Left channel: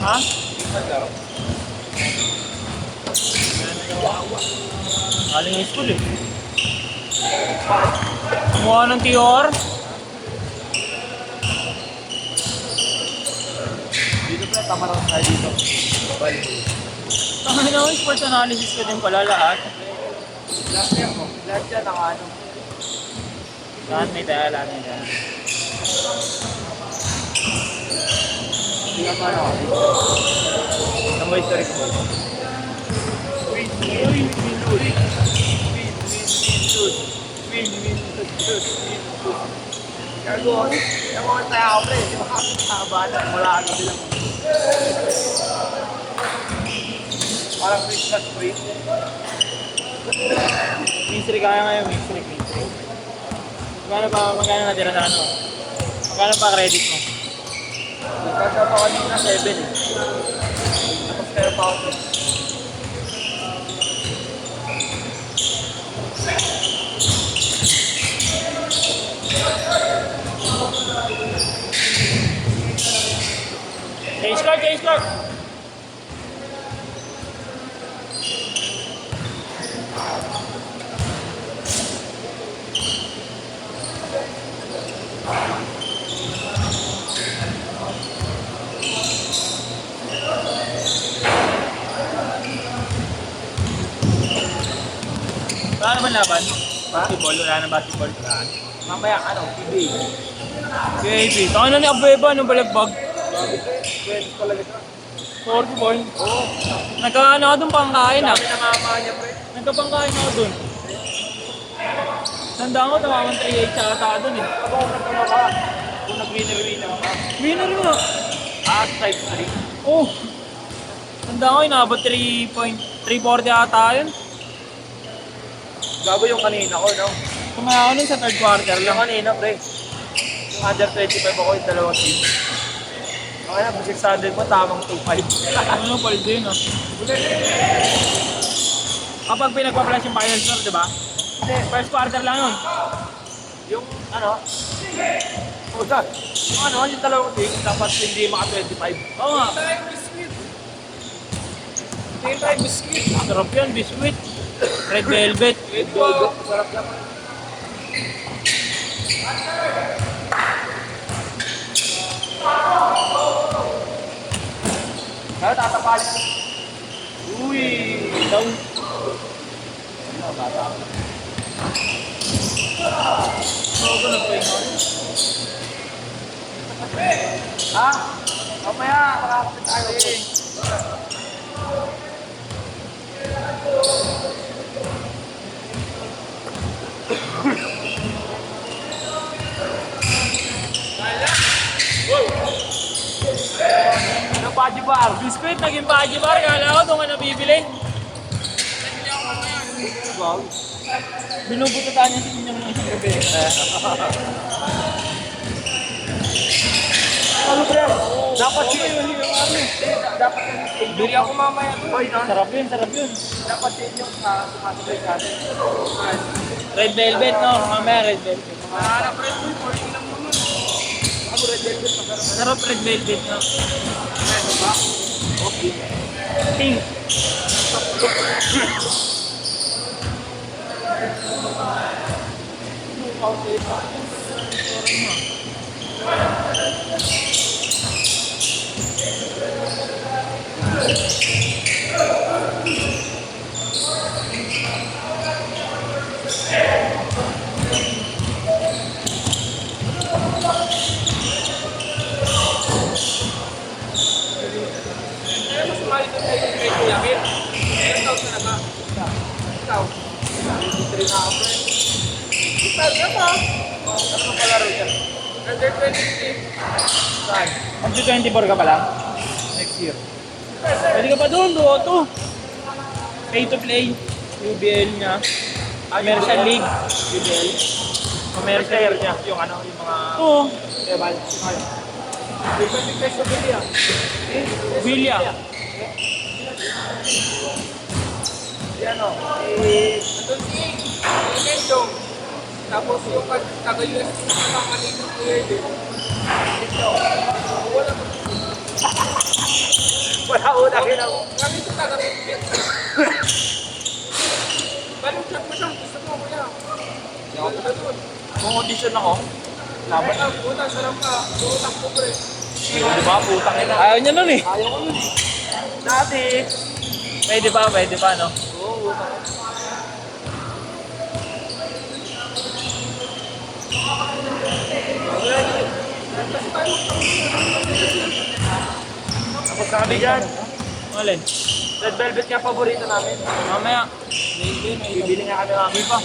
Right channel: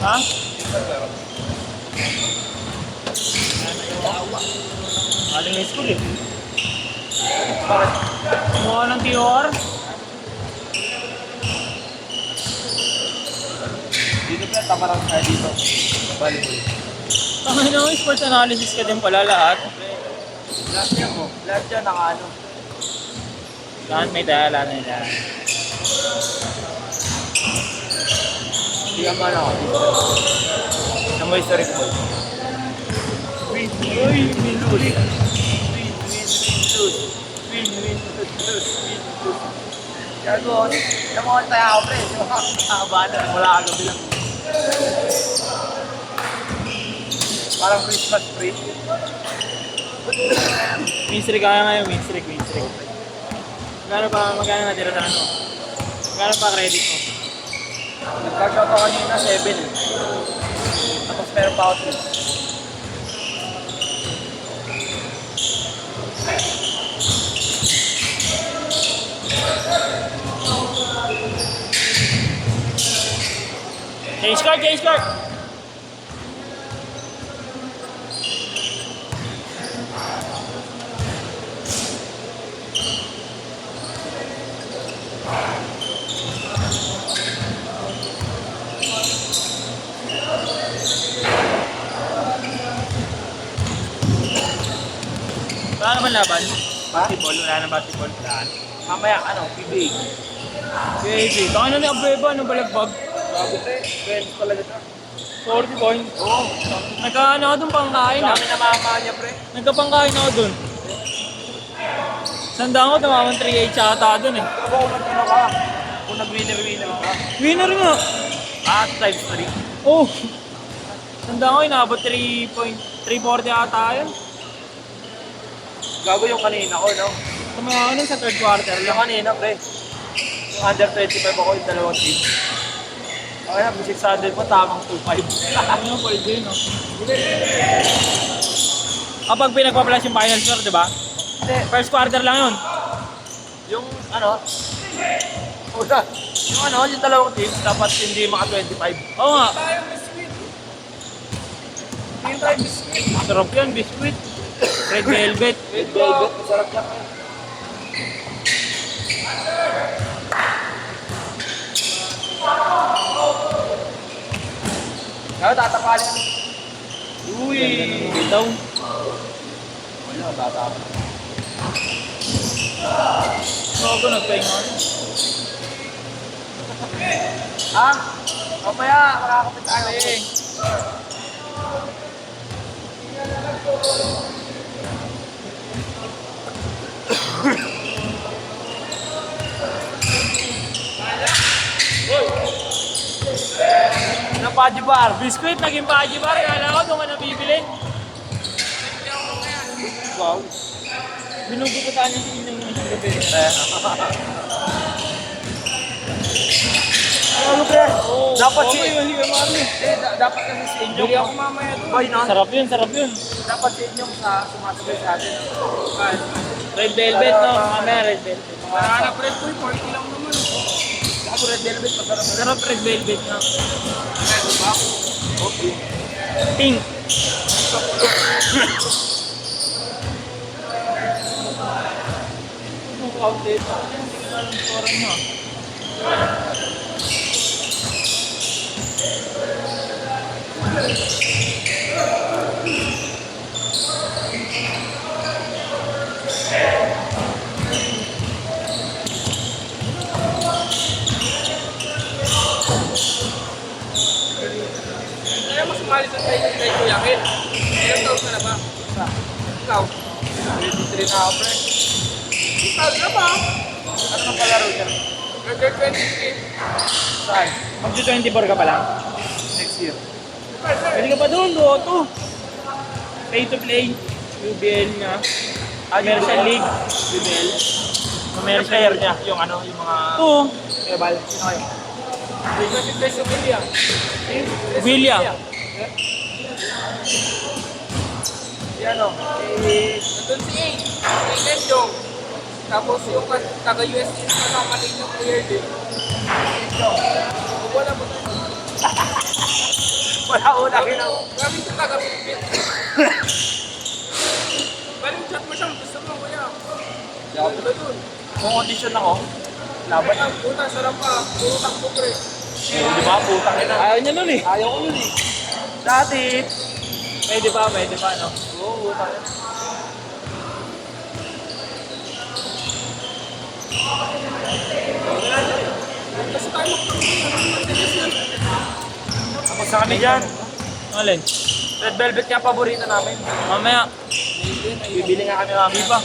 Ha? Aling high school eh. Bakit? Kumuha ng TR. Dito pala, tama lang tayo dito. Balik. Tama naman, sports analysis ka din pala lahat. Lahat yan mo. Lahat yan, naka-ano. Lahat may dala, may dala. Hindi ka pa ako. Ang may historic mo. Win, lose. Gago, namuha tayo ako pre. Di ba? Nakabata, wala kang sila. Parang Christmas tree. Mystery kaya ngayon, mystery. Magkano natira na ano? Magkano pa credit mo? Nagkasa pa kanina 7 eh. Tapos meron pa ako 3. Change card! Wala naman laban? Basketball? Wala na basketball? Mamaya ano, PBA. Okay. Ano ni Abueva? Anong balagbag? Bago pre, talaga ito. 40 points. Oo. Nagkaano ako dun pangkain ah. Dami na mama niya pre. Nagkapangkain ako dun. Sandaan ko, tamamang 3-8 sa ata dun eh. Kung nag-winner ako. Winner nga. Type 3. Oh. Sandaan ko, inabot 340 ata yun. Gago yung kanina ko, no? Tumaya ako nun sa third quarter Yung lang. kanina pre. Yung under 25 ako yung dalawang team. Okay na, 600 mo, tamang 2.5. Ano pa rin yun ah. Kapag pinagpa-plus yung final score, di ba? Hindi, First quarter lang yun. yung ano, yung dalawang team, dapat hindi maka 25. Oo nga. Tayong biscuit. Hindi tayo biscuit. Sarap yun, biscuit. Red velvet. Ito, masarap lang. Kaya tatapasin mo. Uy, down. Ako nag-pahinga. Ha? Papaya, makakapit tayo. bar. Biscuit, naging Paji Bar. Kala ko doon ka nabibili. Wow. Binubututan niya sa inyong mga gabi. Ano pre? Dapat Okay, dapat yung sa inyo. Bili ako mamaya doon. Ay, no? Sarap yun, sarap yun. Dapat sa inyo sa sumasabay sa atin. Red velvet, no? Mamaya red velvet. Nanganak red boy, 40 lang mo yun. Ako red velvet, masarap. Sarap red velvet, no? Pink. Kaya mas sumali ka tayo kay Kuya Ken. Ikaw ka na ba? Ikaw. 23 na ako. Ikaw na ba? Ano ka palaro dyan? Under 23. Saan? Mag-24 ka pa lang? Next year. Pwede ka pa doon, Doto. Pay to play. UBL niya. Commercial League. UBL. Commercial Player niya. niya. Yung ano, yung mga... Ito, Kebal. Dito si Peso Villa. Villa. Yan o. Ito si A. Medyo. Tapos taga-US mamaling ng player din. Wala una kinaw. Kami ito taga-Pipit. Balik chat mo siyang gusto mo. Kaya. Hindi ako pala doon. Kung audition ako, Laban. Putang sarap pa. Putang po pre. Di ba? Putang ina. ayaw niya nun eh. Ayaw ko nun eh. Dati. Pwede pa, no? Oo, putang ina. Sa kami dyan. Alin? Red Velvet kaya paborito namin. Mamaya. Bibili nga kami mga Iba.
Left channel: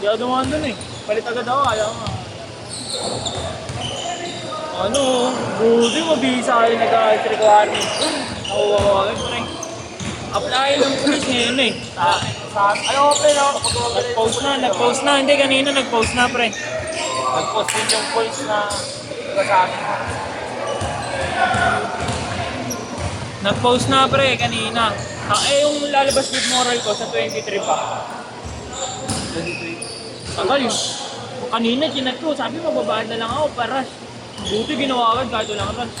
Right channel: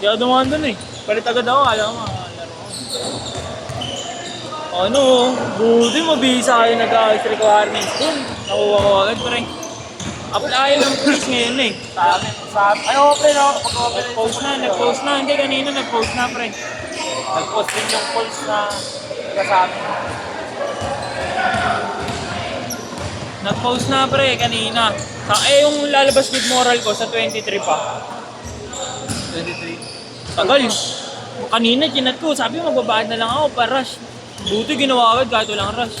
Di ako dumaan dun eh. Palit agad ako, alam mo. Ano, buti mabisa kayo nag-out requirements ko. Nakuha ko agad pa rin. Apply ng police ngayon eh. Ay, okay na ako. Nag-post na. Hindi, kanina nag-post na pre. Nag-post din yung polls na sa amin. Nag-post na pre, kanina. Yung lalabas with moral ko sa 23 pa. 23. Tagal. Kanina, chinat ko. Sabi, magbabayad na lang ako para rush. Buti ginawa agad kahit walang rush.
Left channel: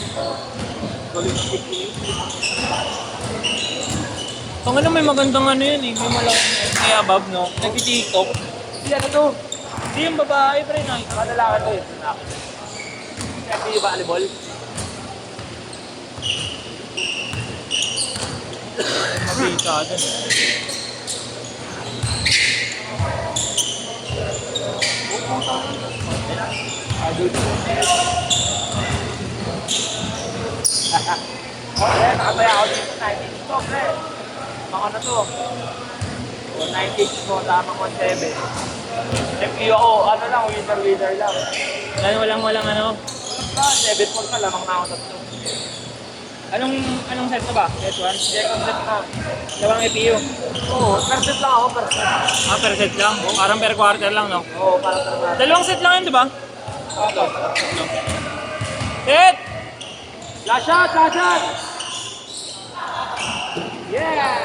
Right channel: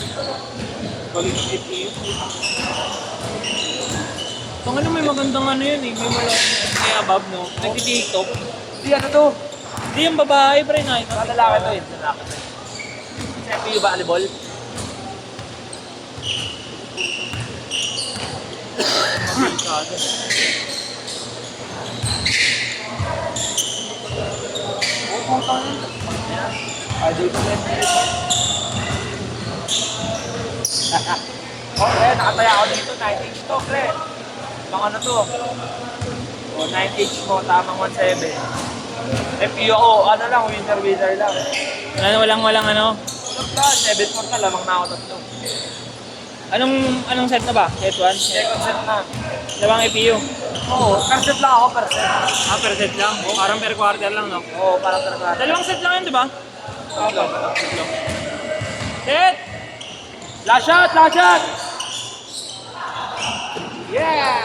Pang ano, may magandang ano yan eh. May malaking kaya above, no? Nag-tiktok. Hindi, ano to? Hindi yung babae, pre, na. Mga lalaki to yun. FPU volleyball. Mabisa agad. Idol ko lang. Okay, nakataya ako dito. 9H ko, pre. Baka na to. 9H ko, tamang 1.7. FPU ako, ano lang, winner lang. Ano, walang ano. 7.4 ka, lamang na ako tatlo. Anong set na ba? Set 1? Second set na. Dalawang EPU. Oo, per set lang ako, per set. Per set lang. Parang per quarter lang, no? Oo, para per set. Dalawang set lang yun, di ba? Opo. Set! Last shot, last shot! Yeah!